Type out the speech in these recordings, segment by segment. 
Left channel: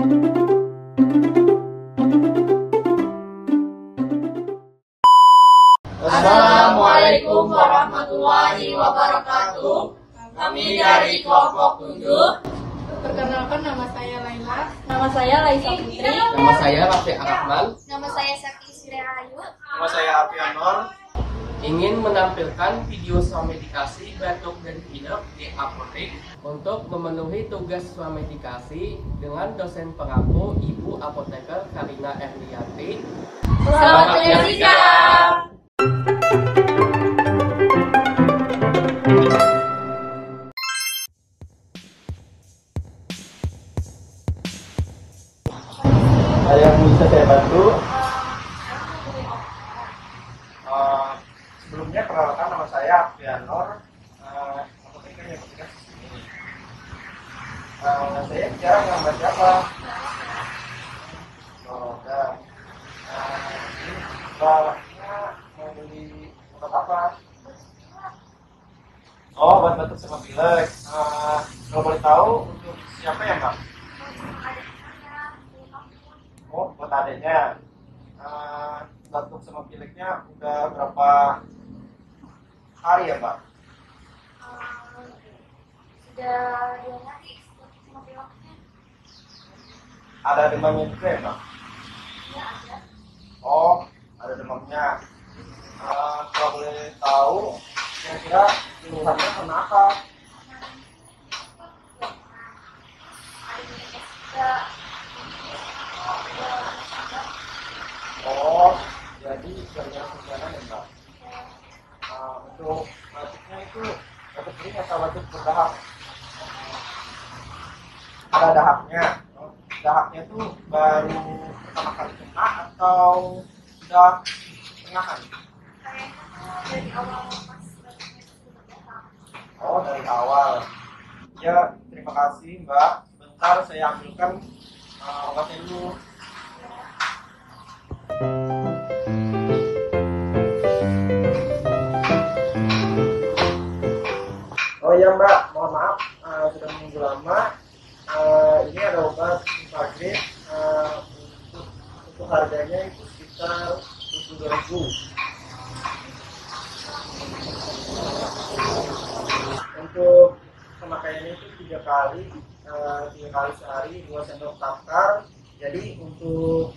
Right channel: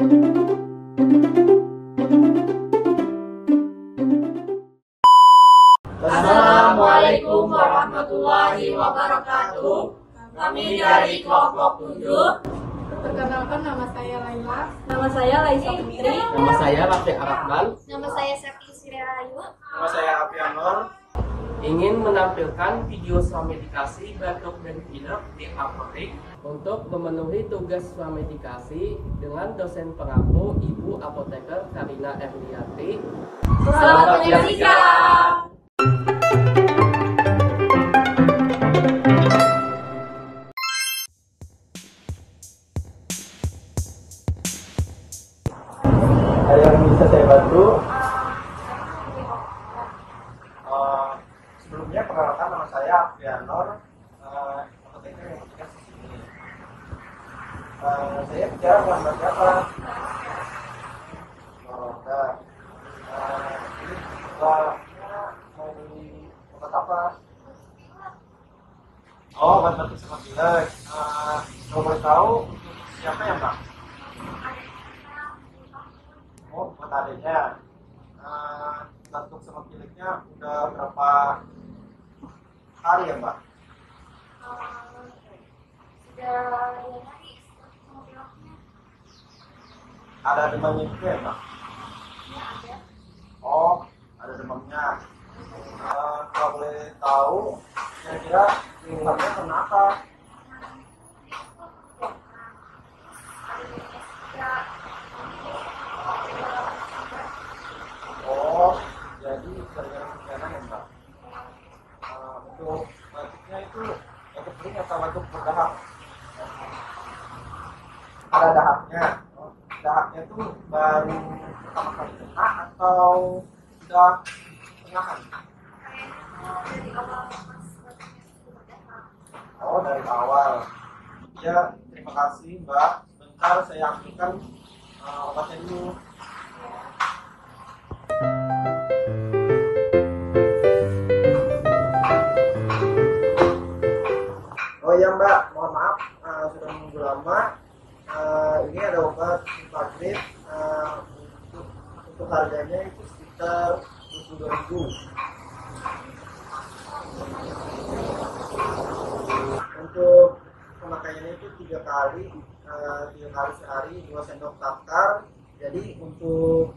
Assalamualaikum warahmatullahi wabarakatuh. Kami dari kelompok 7. Perkenalkan, nama saya Laila. Nama saya Laisa Putri. Nama saya Rafi Akmal. Nama saya Saki Sirahayu. Nama saya Afi Anwar. Ingin menampilkan video swamedikasi batuk dan pilek di apotek untuk memenuhi tugas swamedikasi dengan dosen pengaku Ibu Apoteker Karina Erlianti. Selamat menyaksikan. Yang bisa saya bantu, sebelumnya perkenalkan, nama saya Afi Anwar. Apoteker yang bertugas di sini. Saya bicara dengan siapa? Ini mau beli obat apa? Oh, obat batuk sama pilek. Kalau boleh tahu untuk siapa ya, Mbak? Oh, buat adanya. Batuk sama pileknya udah berapa hari ya, Mbak? Sudah 2 hari sama pileknya. Ada demamnya juga ya, Mbak? Ya, ada. Oh, ada demamnya. Kalau boleh tahu, kira-kira keluhannya kenapa? Oh, jadi gara-gara hujanan ya, Mbak? Untuk batuknya itu batuk kering atau batuk berdahak? Ada dahaknya. Dahaknya itu baru pertama kali kena atau sudah pernah kali? Oh, dari awal. Ya, terima kasih, Mbak. Bentar saya ambilkan obatnya dulu. Oh ya, Mbak, mohon maaf sudah menunggu lama. Ini ada obat Invagrid. Untuk harganya itu sekitar 22.000. Untuk pemakaiannya itu 3 kali sehari, 2 sendok makan. Jadi untuk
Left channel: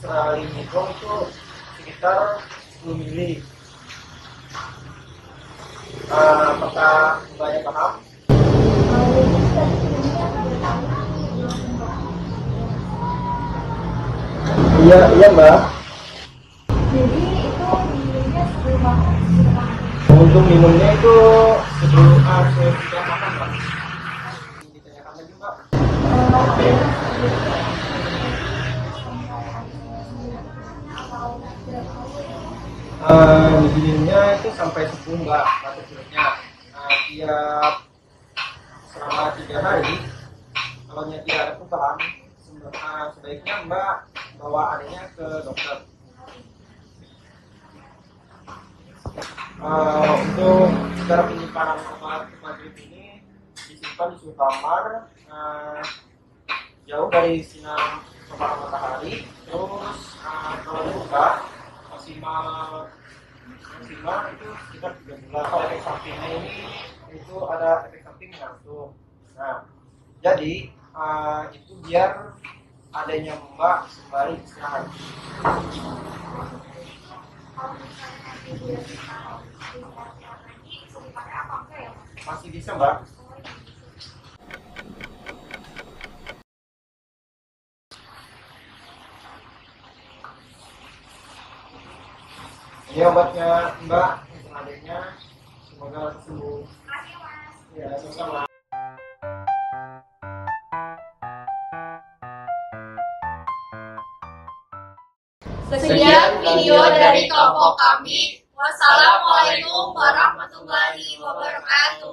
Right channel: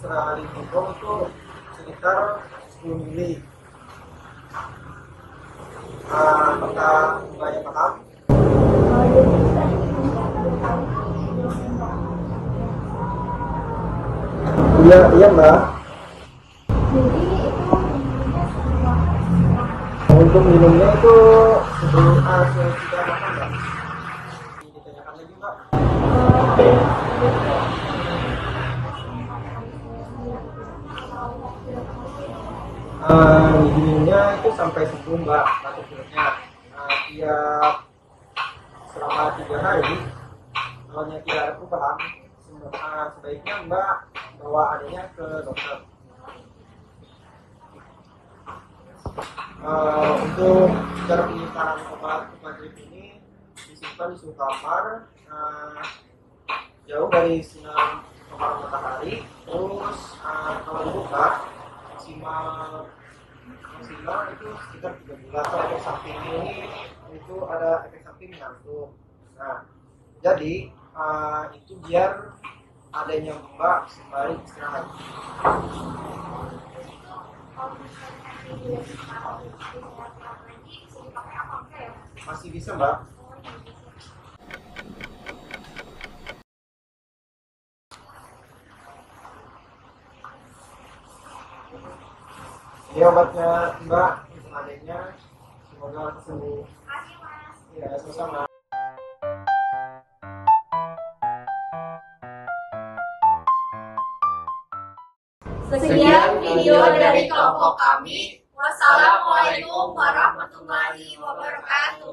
sekali minum itu sekitar 10 ml. Apakah banyak paham? Iya, Mbak. Untuk minumnya itu sebelum sudah makan, Mbak. Ditanyakan lagi, Mbak. Oke. Minumnya itu sampai sembuh, Mbak, batuk pileknya. Tiap selama 3 hari. Kalau tidak perubahan, sebaiknya Mbak bawa adanya ke dokter. Untuk cara penyimpanan obat Invagrid ini disimpan di suhu kamar, jauh dari sinar matahari. Terus kalau dibuka maksimal itu sekitar 3 bulan. Kalau efek sampingnya ini itu ada efek samping ngantuk. Nah, jadi itu biar adanya Mbak sembari istirahat. Masih bisa, Mbak. Ini obatnya, Mbak, untuk adanya. Semoga sembuh. Ya, sama-sama. Sekian video dari kelompok kami. Wassalamualaikum warahmatullahi wabarakatuh.